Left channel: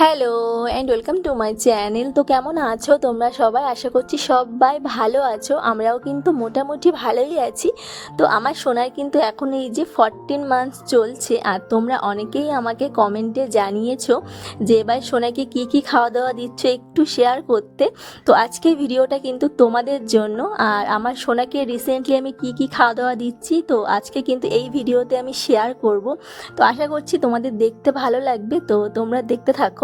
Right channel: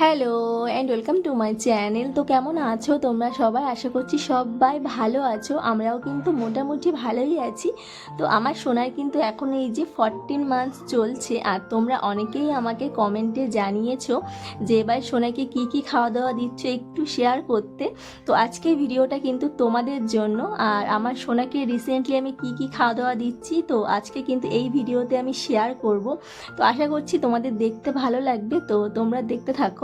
Hello and welcome to my channel তো কেমন আছো তোমরা সবাই? আশা করছি সবাই ভালো আছো। আমরাও কিন্তু মোটামুটি ভালোই আছি। তো আমার সোনার কিন্তু এখন এই যে ফরটিন মান্থস চলছে আর তোমরা অনেকেই আমাকে কমেন্টে জানিয়েছো যে এবার সোনাকে কি কি খাওয়া দাওয়া দিচ্ছ একটু শেয়ার করতে? তো আজকে ভিডিওটা কিন্তু তোমাদের জন্য। আর আমার সোনাকে রিসেন্টলি আমি কি কি খাওয়া দাওয়া দিচ্ছি? তো আজকে কিন্তু এই ভিডিওতে আমি শেয়ার করব। তো আশা করছি তোমাদের দেখতে ভালো লাগবে। তো তোমরা দেখতে থাকো।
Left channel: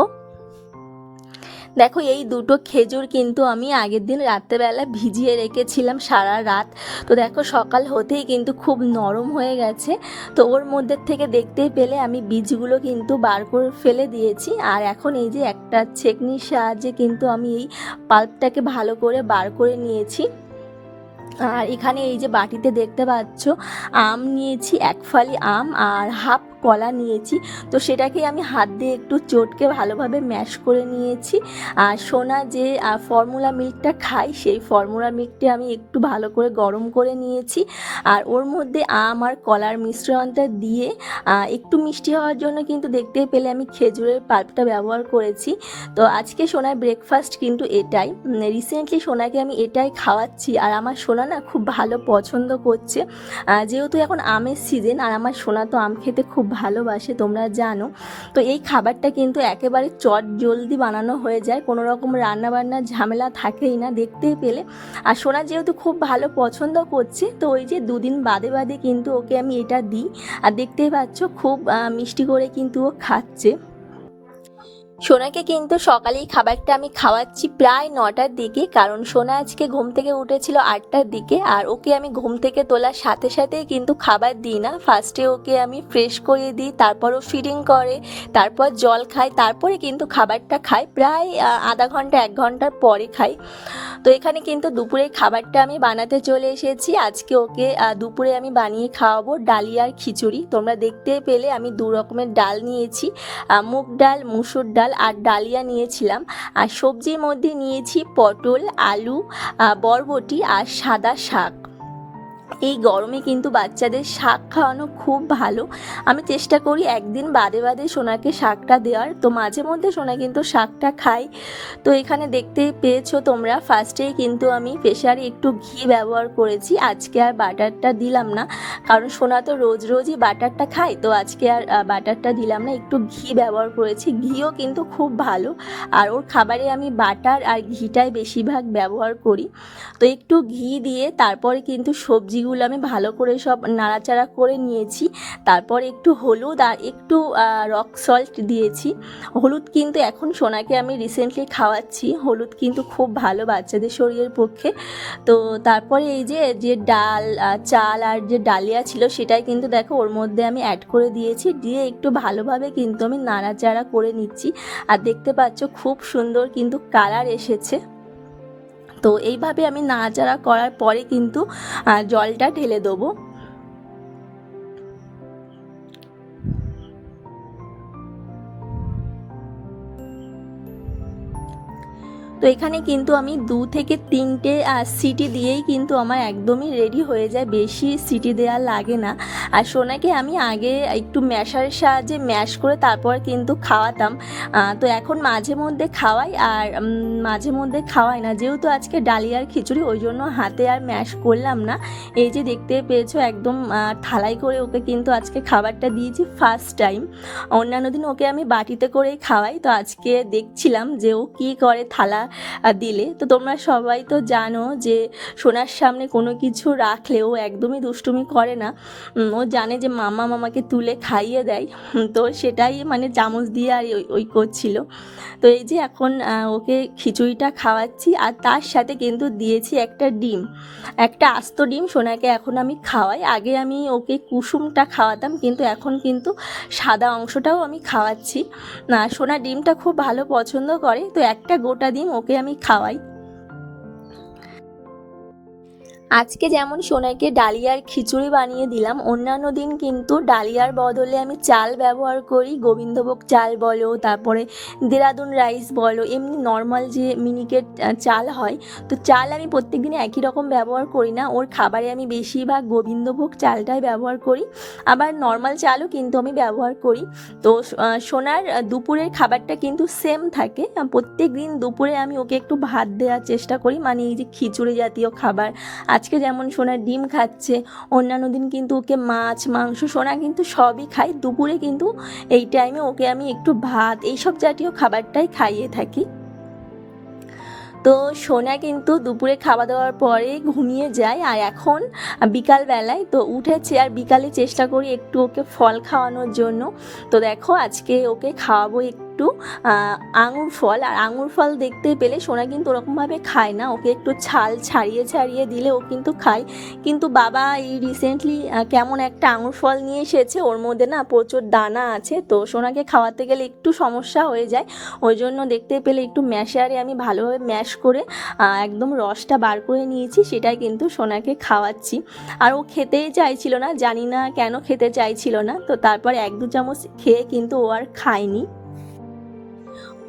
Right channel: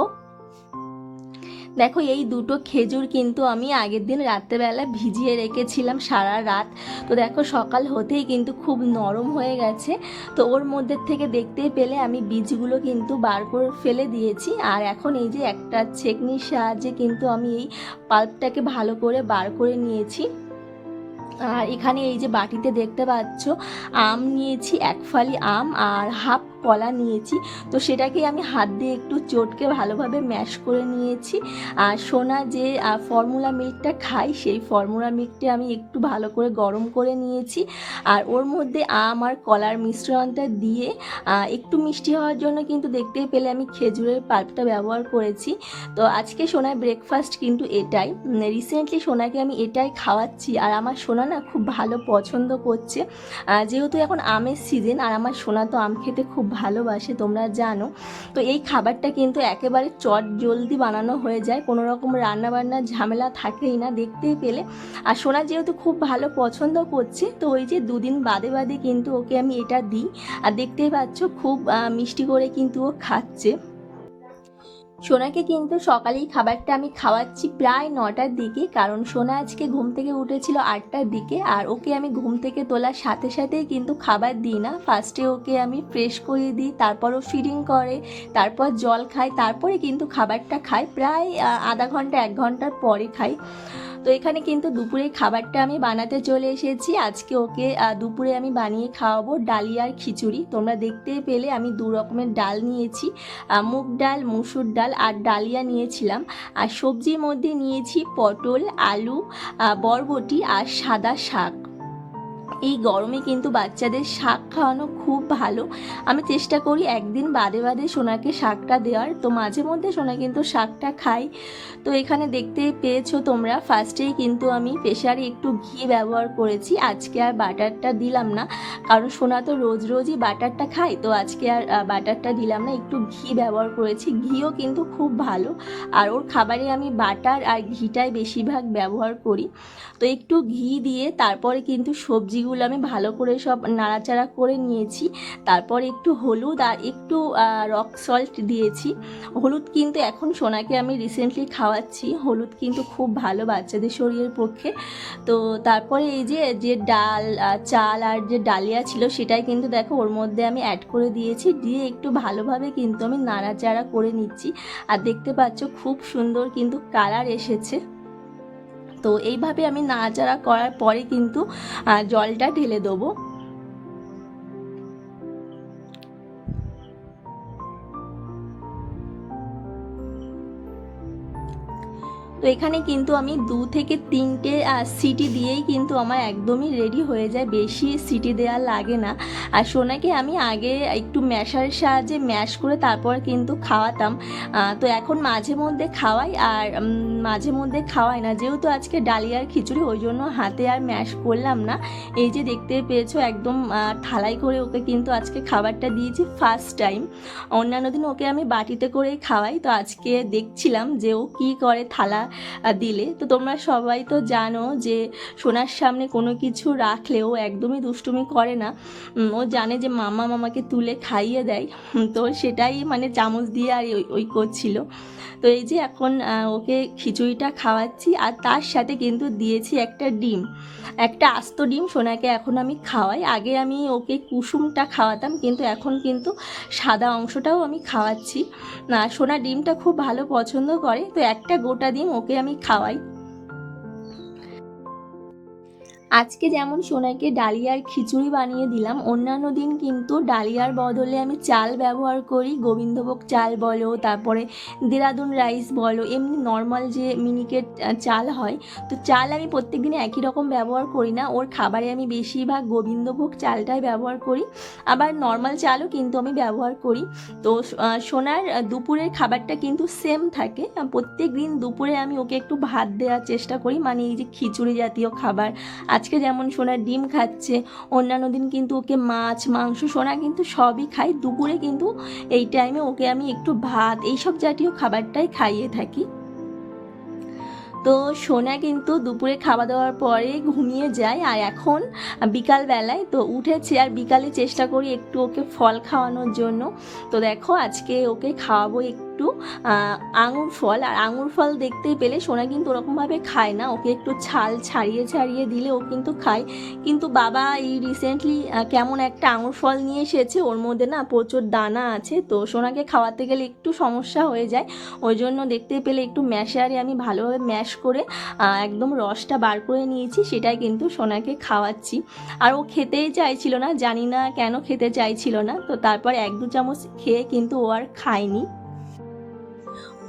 দেখো, এই দুটো খেজুর কিন্তু আমি আগের দিন রাত্রেবেলা ভিজিয়ে রেখেছিলাম সারা রাত। তো দেখো, সকাল হতেই কিন্তু খুব নরম হয়ে গেছে। তো ওর মধ্যে থেকে দেখতেই পেলে আমি বীজগুলো কিন্তু বার করে ফেলে দিয়েছি। আর এখন এই যে একটা ছেকনির সাহায্যে কিন্তু আমি এই পাল্পটাকে ভালো করে বার করে নিয়েছি। আর এখানে এই যে বাটিতে দেখতে পাচ্ছ, আম নিয়েছি, এক ফালি আম আর হাফ কলা নিয়েছি। তো সেটাকে আমি হাত দিয়ে একটু চটকে ভালোভাবে ম্যাশ করে নিয়েছি। আর সোনা যে ফর্মুলা মিল্কটা খাই, সেই ফর্মুলা মিল্কটা আমি একটু ভালো করে গরম করে নিয়েছি। আর ওর মধ্যে আম আর কলার মিশ্রণটা দিয়ে একটু মিষ্টি হওয়ার জন্য কিন্তু দেখতে পেলে আমি খেজুরের পাল্পটা ব্যবহার করেছি। তো আজকে সোনার ব্রেকফাস্ট কিন্তু এটাই। রিসেন্টলি সোনাকে আমি এটাই খাওয়াচ্ছি। আর আমার সোনা না খুব ভালো পছন্দ করছে। যেহেতু এখন আমের সিজন আর আমার সোনা তো আম খেতে খুব ভালোবাসে, তোমরা জানো। তো এই খাবারটা কিন্তু একেবারে চট জলদি বানানো হয়ে যায়। কোনো রকম রান্নাবান্নার ঝামেলা থাকেই না দেখতেই পেলে। আর সোনা যেহেতু খুব ভালো পছন্দ করছে, তো ওই যে দুদিন বাদে বাদে কিন্তু ওকে আমি এটা দিই। আর দেখতেই পাচ্ছ, খুব মিষ্টি করে কিন্তু ও খাচ্ছে। সোনাকে কিন্তু সকালেই খাবারটা আমি খাওয়াচ্ছি প্রায় নটার দিকে, কারণ সোনা আজকে ঘুম থেকে উঠেছিল আটটার দিকে, আর ওকে আমি ঘুম থেকে তোলার সাথে সাথেই কিন্তু খাবার দিই না। ফার্স্টে ওকে আমি ফ্রেশ করিয়ে দিই, তারপর ও ফিডিং করে, তারপর জল খায় তারপরে কিন্তু খাবারটা খায় প্রায় আধা ঘণ্টা, এক ঘণ্টার পরে খাই। তো এখানে কিন্তু দুপুরে খাবারটা আমি বানাতে চলে এসেছি। আজকে ওকে দুপুরে আমি বানিয়ে খাওয়াবো ডালিয়ার খিচুড়ি। তোমরা দেখতে পেলে আমি দু রকমের ডাল নিয়েছি মুগ ডাল, মুসুর ডাল আর ডালিয়া নিয়েছিলাম। আর সবজির মধ্যে নিয়েছি পটল, আলু বরবটি আর সাদা শাক। এই গরমে কিন্তু বাচ্চাদের শাক খাওয়ানো খুব ভালো। আমি চেষ্টা করি একদিন বাদে বাদে সোনাকে শাকটা দেওয়ার। তো মাঝে মধ্যে সোনা কিন্তু শাকটা খাই তো এখানে দেখতে পেয়েছ তোমরা, ফার্স্টেই কিন্তু আমি প্রেশারে একটু ঘি ব্যবহার করেছি। আজকে আর বাটারটা দিলাম না। কারণ সোনা তো রোজ রোজই বাটারটা খায়। তো আজকে আর বাটারটা দিলাম না, একটু ঘি ব্যবহার করেছি। ঘিও কিন্তু খুব ভালো। আর ওর খাবারে আমি বাটার আর ঘিটাই বেশিরভাগ ব্যবহার করি। তো একটু ঘি দিয়ে তারপরে কিন্তু সবজিগুলো আমি ভালো করে সব নাড়াচাড়া করে নিয়েছি। তারপর একটু হলুদ আর একটু রক সল্ট দিয়েছি। হলুদ কিন্তু এখন সোনাকে আমি রিসেন্টলি খাওয়াচ্ছি। হলুদ কিন্তু খুব ভালো বাচ্চাদের শরীরের পক্ষে। তো তারপরে এই যে যে ডাল চাল আর যে ডালিয়া ছিল সেটাই কিন্তু দেখো ওর মধ্যে আমি অ্যাড করে দিয়েছি। দিয়ে একটু ভালোভাবে কিন্তু আমি নাড়াচাড়া করে নিচ্ছি। আর দেখতে পাচ্ছ খুব সুন্দর কিন্তু কালার এসেছে। তো এইভাবে আমি নাড়াচাড়া করার পরে কিন্তু জলটা ঢেলে দেবো। তো এখানে কিন্তু আমি দু থেকে তিনটে সিটি দিয়েই কিন্তু আমার একদমই রেডি হয়ে যায়। বেশি সিটি দেওয়া লাগে না। আর সোনাকে আমি আগে একটু ম্যাশার সাহায্যে ম্যাশ করে তারপর কিন্তু খাওয়াতাম। তো এখন মাঝে মধ্যে খাওয়াই আর মাঝে মধ্যে খাওয়াই না। যেহেতু আজকে ডালিয়ার খিচুড়ি, ওই জন্য হাতে আর ম্যাশ করলাম না। এই যে দেখতে পেয়েছ, একদম থালাই করে ওকে কিন্তু আজকে খাবারটা দিয়েছি ফার্স্ট টাইম অন্যান্য দিন ওকে আমি বাটিতে করেই খাওয়াই। তো আজকে দেখছিলাম যে ও কী করে থালা দিলে। তো তোমরা সবাই তো জানো যে সোনার সামনে কোনো কিছু রাখলে ও একদমই দুষ্টুমি করে না। ও জানে যে মামা মামাকে তুলে খাইয়ে দেয়। তো সেটাই মানে চামচ দিয়ে আর ওই ওই করছিল। তো এই যে এখন ওকে খিচুড়িটা খাওয়াচ্ছি আর তার সাথে কিন্তু দিয়েছি একটা ডিম। একটা আস্ত ডিম সোনাকে এখন আমি খাওয়াই। আগে আমি ওকে কুসুমটা খাওয়াতাম কিন্তু এখন কিন্তু সাদা অংশটাও আমি খাওয়াচ্ছি। সোনা ডিমটা খুব ভালো পছন্দ করে। তো একটা গোটা ডিম ওকে আমি খাওয়াই। আজকে যেমন সোনাকে ডালিয়ার খিচুড়ি বানিয়ে দিলাম, অন্যান্য দিন কিন্তু ডালিয়ার বদলে আমি চাল ব্যবহার করি। গোবিন্দভোগ চাল বলো, তারপরে দেরাদুন রাইস বলো, এমনি নর্মাল যে মিনিকেট চাল হয়। তো চাল আমি প্রত্যেক দিনে একই রকম ব্যবহার করি না, ওর খাবারে আমি বেশিরভাগ গোবিন্দভোগ চালটাই ব্যবহার করি। আবার নর্মাল চালও কিন্তু আমি ব্যবহার করি। তো সোনার দুপুরের খাবারটা কিন্তু সেম থাকে। প্রত্যেক দিন দুপুরে আমি ওকে একটু ভাত দেওয়ার চেষ্টা করি মানে এই যে খিচুড়ি জাতীয় খাবার আজকে যেমন সোনা ডিম খাচ্ছে, অন্যান্য দিন কিন্তু ওকে মাছ, মাংস, সোনা কিন্তু সবই খায় দুপুরে কিন্তু এই টাইমে ওকে আমি একটু ভাত, এইসব জাতীয় খাবারটাই খাইয়ে থাকি। তো সোনা কিন্তু দুপুরে খাওয়া দাওয়ার পরে ঘুমিয়ে যায় আর এখন বিকালবেলায় তো উঠেছে আর বিকালে চেষ্টা করি একটু ওকে ফল খাওয়ানোর জন্য। তো দেখো আজকে ওকে খাওয়াবো একটু আহ, আঙুর ফল। আর আঙুর ফল দেখতে পেলে সোনা কিন্তু ওরকমভাবে খায় না। ওকে একটু ছাল ছাড়িয়ে ছাড়িয়ে দিলে ও কিন্তু খায়। কিন্তু বাবা এই রিসেন্টলি কেমন একটা আঙুর ফল নিয়ে এসেছে। ওর মধ্যে না প্রচুর দানা আছে। তো সোনাকে খাওয়াতে গেলে একটু সমস্যা হয়ে যায়। ওই জন্য দেখতে পেলে একটু ম্যাশারে আমি ভালোভাবে ম্যাশ করে একদম রসটা বার করে নিয়েছি। সেটাই কিন্তু সোনাকে খাওয়াচ্ছি। আর ও খেতেই চাইছিল না। জানি না কেন খেতে চাইছিল না। তো তারপর এক দু চামচ খেয়ে কিন্তু ও আর খায়নি।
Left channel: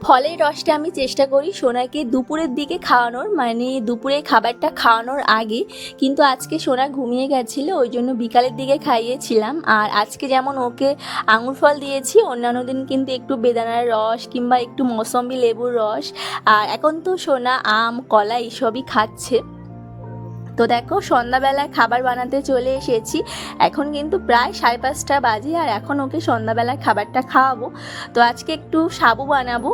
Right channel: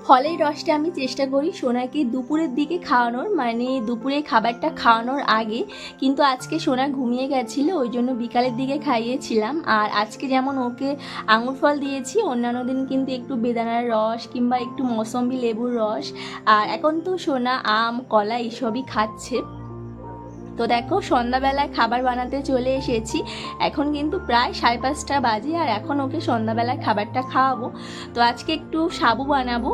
ফলের রসটা আমি চেষ্টা করি সোনাকে দুপুরের দিকে খাওয়ানোর মানে দুপুরে খাবারটা খাওয়ানোর আগে। কিন্তু আজকে সোনা ঘুমিয়ে গেছিল, ওই জন্য বিকালের দিকে খাইয়েছিলাম। আর আজকে যেমন ওকে আঙুর ফল দিয়েছি, অন্যান্য দিন কিন্তু একটু বেদানার রস কিংবা একটু মৌসম্বি লেবুর রস। আর এখন তো সোনা আম, কলা এইসবই খাচ্ছে। তো দেখো, সন্ধ্যাবেলায় খাবার বানাতে চলে এসেছি। এখন কিন্তু প্রায় সাড়ে পাঁচটা বাজে আর এখন ওকে সন্ধ্যাবেলায় খাবারটা খাওয়াবো। তো আজকে একটু সাবু বানাবো।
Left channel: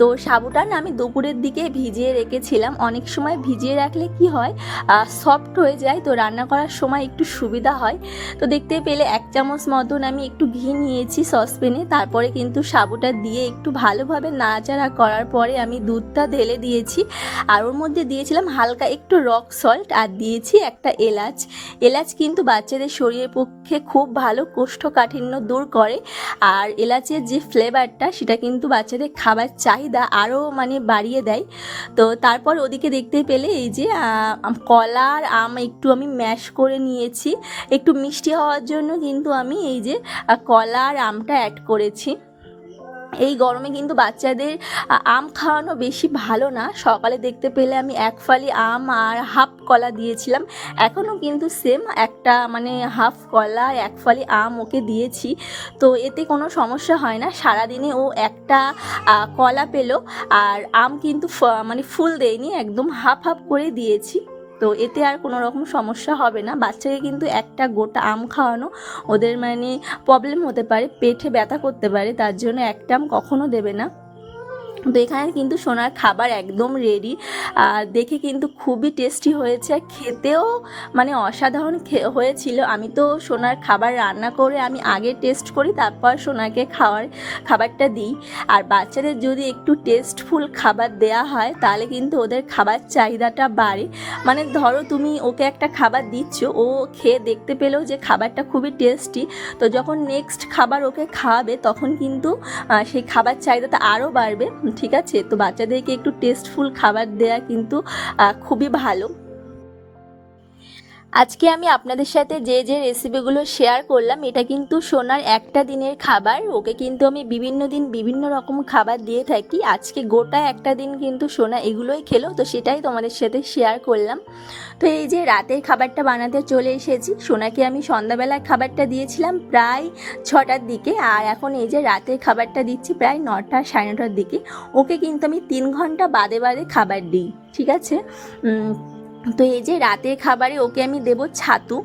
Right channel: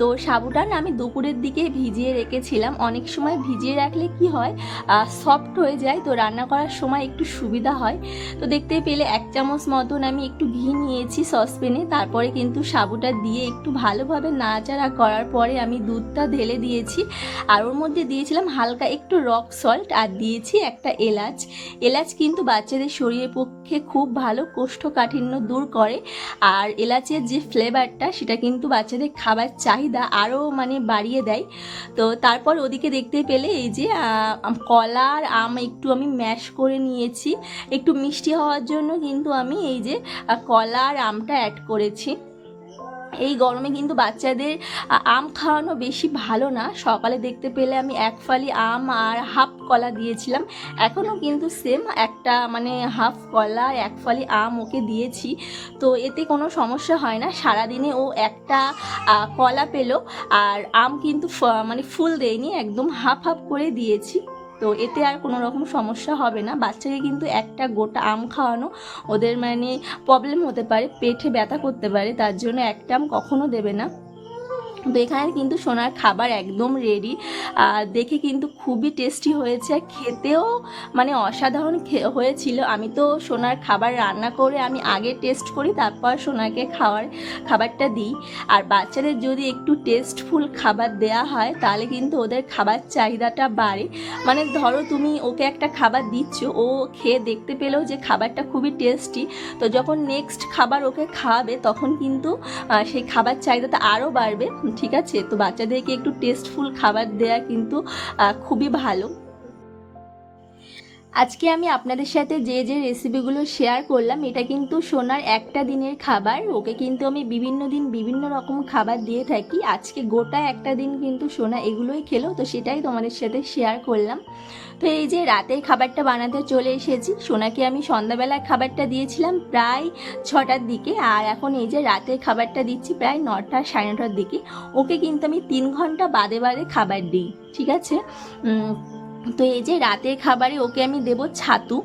তো সাবুটা না আমি দুপুরের দিকে ভিজিয়ে রেখেছিলাম। অনেক সময় ভিজিয়ে রাখলে কি হয় সফট হয়ে যায়। তো রান্না করার সময় একটু সুবিধা হয়। তো দেখতে পেলে এক চামচ মতন আমি একটু ঘি নিয়েছি সসপ্যানে। তারপরে কিন্তু সাবুটা দিয়ে একটু ভালোভাবে নাড়াচাড়া করার পরে আমি দুধটা ঢেলে দিয়েছি। আর ওর মধ্যে দিয়েছিলাম হালকা একটু রক সল্ট আর দিয়েছি একটা এলাচ। এলাচ কিন্তু বাচ্চাদের শরীরের পক্ষে খুব ভালো কোষ্ঠকাঠিন্য দূর করে। আর এলাচের যে ফ্লেভারটা সেটা কিন্তু বাচ্চাদের খাবার চাহিদা আরও মানে বাড়িয়ে দেয়। তো তারপর ওদিকে দেখতে পেলে এই যে আহ, কলা আর আম একটু আমি ম্যাশ করে নিয়েছি। একটু মিষ্টি হওয়ার জন্য কিন্তু আমি এই যে আহ, কলা আর আমটা অ্যাড করেছি। এই গরমে কিন্তু বাচ্চাদের আম খাওয়ানো বেশি ভালো না। সকালে দেখতে পেলে আমি এক ফালি আম আর হাফ কলা দিয়েছিলাম। এখনও কিন্তু সেম একটা মানে হাফ কলা এক ফালি আম ওকে দিয়েছি। তো এতে কোনো সমস্যা হয় না। সারাদিনে ও একটা কলা পেল। আর আম কিন্তু মানে ফুল দেয়নি, একদম হাফ হাফ করে দিয়েছি। তো এতে আর কোনো রকম সমস্যা হবে না। বাচ্চাকে কিন্তু একটা গোটা আম খাওয়ানো ওদের মানে প্রবলেম হতে পারে, পেটে ব্যথা করতে পারে, তার জন্য একটা আম কখনো দেবে না। তো এখানে কিন্তু সোনার খাবার একদম রেডি আর দেখে কিন্তু খুবই টেস্টি হয়েছে। খেতেও মানে অসাধারণ হয়েছিল। আমি তো সোনার খাবার রান্না করে আমি আগে টেস্ট করি, তারপর সোনাকে খাওয়ার, খাবারটা দিই। আর বাচ্চাদের যদি একটু টেস্টফুল খাবার দেয়া হয়, তাহলে কিন্তু ওদের খাবার চাহিদাটা বাড়ে। মানে ধরো তুমি ওকে একটা খাবার দিচ্ছ, ও খেয়ে দেখতে পেলেও যে খাবারটা খুবই টেস্টি তো যখন নেক্সট খাবার ওকে খাওয়াবে, তখন কিন্তু সেই খাবার চাহিদাটা আরও বাড়বে। ঠিক আছে? তো বাচ্চাদেরকে একটু টেস্টফুল খাবার দেয়া কিন্তু খুবই ভালো। আজকে আমি আপনাদের সাথে যে যে রেসিপিগুলো শেয়ার করলাম, এটা কিন্তু সোনার একটা দিনের খাবার। ওকে কিন্তু আমি বিভিন্ন দিন বিভিন্ন রকম খাবার দিয়ে থাকি। আজকে গোটা একটা দিন কিন্তু সোনা এগুলোই খেলো, তো সেটাই তোমাদের সাথে শেয়ার করলাম। তো এই যে রাতের খাবারটা বানাতে চলে এসেছি, সোনাকে আমি সন্ধ্যাবেলার খাবারটা দিয়েছিলাম প্রায় ছটার দিকে, আর এখন এই যে রাতের খাবারটা দিচ্ছি প্রায় নটা, সাড়ে নটার দিকে। ওকে কিন্তু আমি তিন ঘণ্টা বাদে বাদে খাবার দিই, ঠিক আছে? তো এই যে রাতের খাবারে ওকে আমি দেব ছাতু।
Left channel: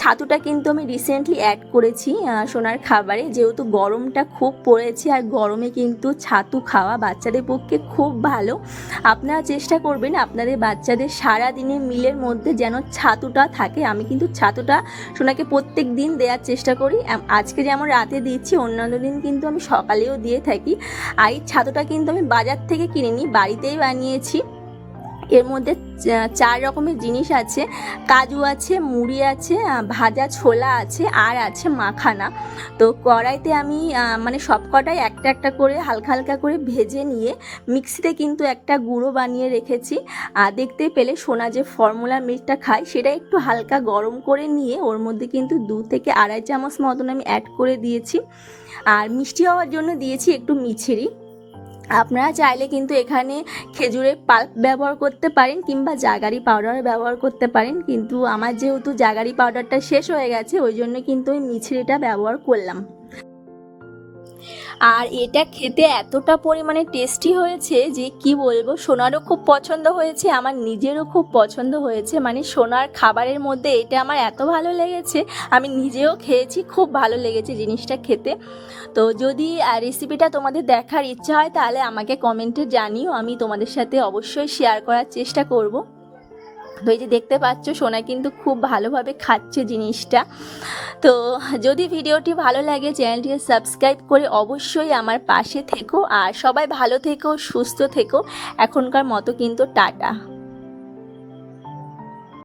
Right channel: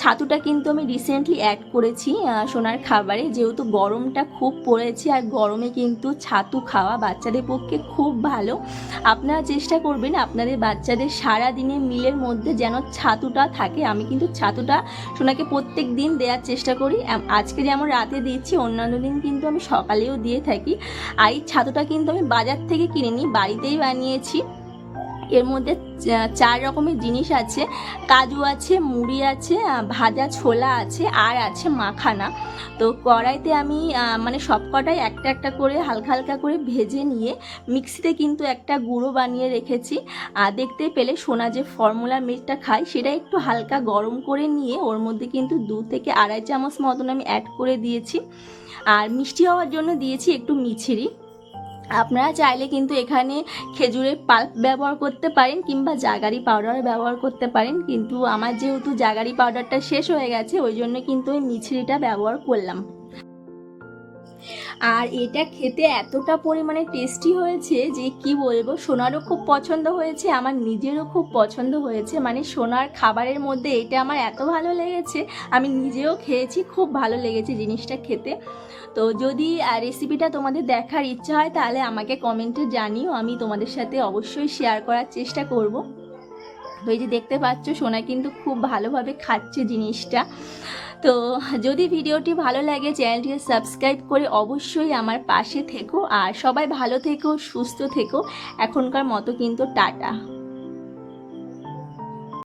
ছাতুটা কিন্তু আমি রিসেন্টলি অ্যাড করেছি সোনার খাবারে। যেহেতু গরমটা খুব পড়েছে আর গরমে কিন্তু ছাতু খাওয়া বাচ্চাদের পক্ষে খুব ভালো। আপনারা চেষ্টা করবেন আপনাদের বাচ্চাদের সারা দিনের মিলের মধ্যে যেন ছাতুটা থাকে। আমি কিন্তু ছাতুটা সোনাকে প্রত্যেক দিন দেওয়ার চেষ্টা করি। আজকে যেমন রাতে দিচ্ছি অন্যান্য দিন কিন্তু আমি সকালেও দিয়ে থাকি। আর এই ছাতুটা কিন্তু আমি বাজার থেকে কিনে নিই বাড়িতেই বানিয়েছি। এর মধ্যে চার রকমের জিনিস আছে। কাজু আছে, মুড়ি আছে ভাজা, ছোলা আছে, আর আছে মাখানা। তো কড়াইতে আমি মানে সব কটাই একটা একটা করে হালকা হালকা করে ভেজে নিয়ে মিক্সিতে কিন্তু একটা গুঁড়ো বানিয়ে রেখেছি। আর দেখতে পেলে সোনা যে ফর্মুলা মিল্কটা খায় সেটা একটু হালকা গরম করে নিয়ে ওর মধ্যে কিন্তু দু থেকে আড়াই চামচ মতন আমি অ্যাড করে দিয়েছি। আর মিষ্টি হওয়ার জন্য দিয়েছি একটু মিছরি। আপনারা চাইলে কিন্তু এখানে খেজুরের পাল্প ব্যবহার করতে পারেন কিংবা জাগারি পাউডার ব্যবহার করতে পারেন। কিন্তু আমার যেহেতু জাগারি পাউডারটা শেষ হয়ে গেছে, ওই জন্য কিন্তু ওই মিছরিটা ব্যবহার করলাম। আর এটা খেতে এতটা পরিমাণে টেস্টি হয়েছে যে কি বলব, সোনারও খুব পছন্দ হয়েছে, আমার নিজেরও খুব পছন্দ হয়েছে। মানে সোনার খাবারের মধ্যে এটা আমার এত ভালো লেগেছে, আমি নিজেও খেয়েছি, খুব ভালো লেগেছে জিনিসটা খেতে। তো যদি রেসিপিটা তোমাদের দেখার ইচ্ছা হয়, তাহলে আমাকে কমেন্টে জানিও, আমি তোমাদের সাথে অবশ্যই শেয়ার করার চেষ্টা করব। তো এই যে দেখতে পাচ্ছ, সোনা কিন্তু খুব ভালোভাবে খাচ্ছে জিনিসটা। তো যদি ভিডিওটি ভালো লাগে চ্যানেলটি সাবস্ক্রাইব করে অবশ্যই আমার পাশে থেকো। আর সবাই ভালো থেকো, সুস্থ থেকো। এখনকার মতো কিন্তু টাটা।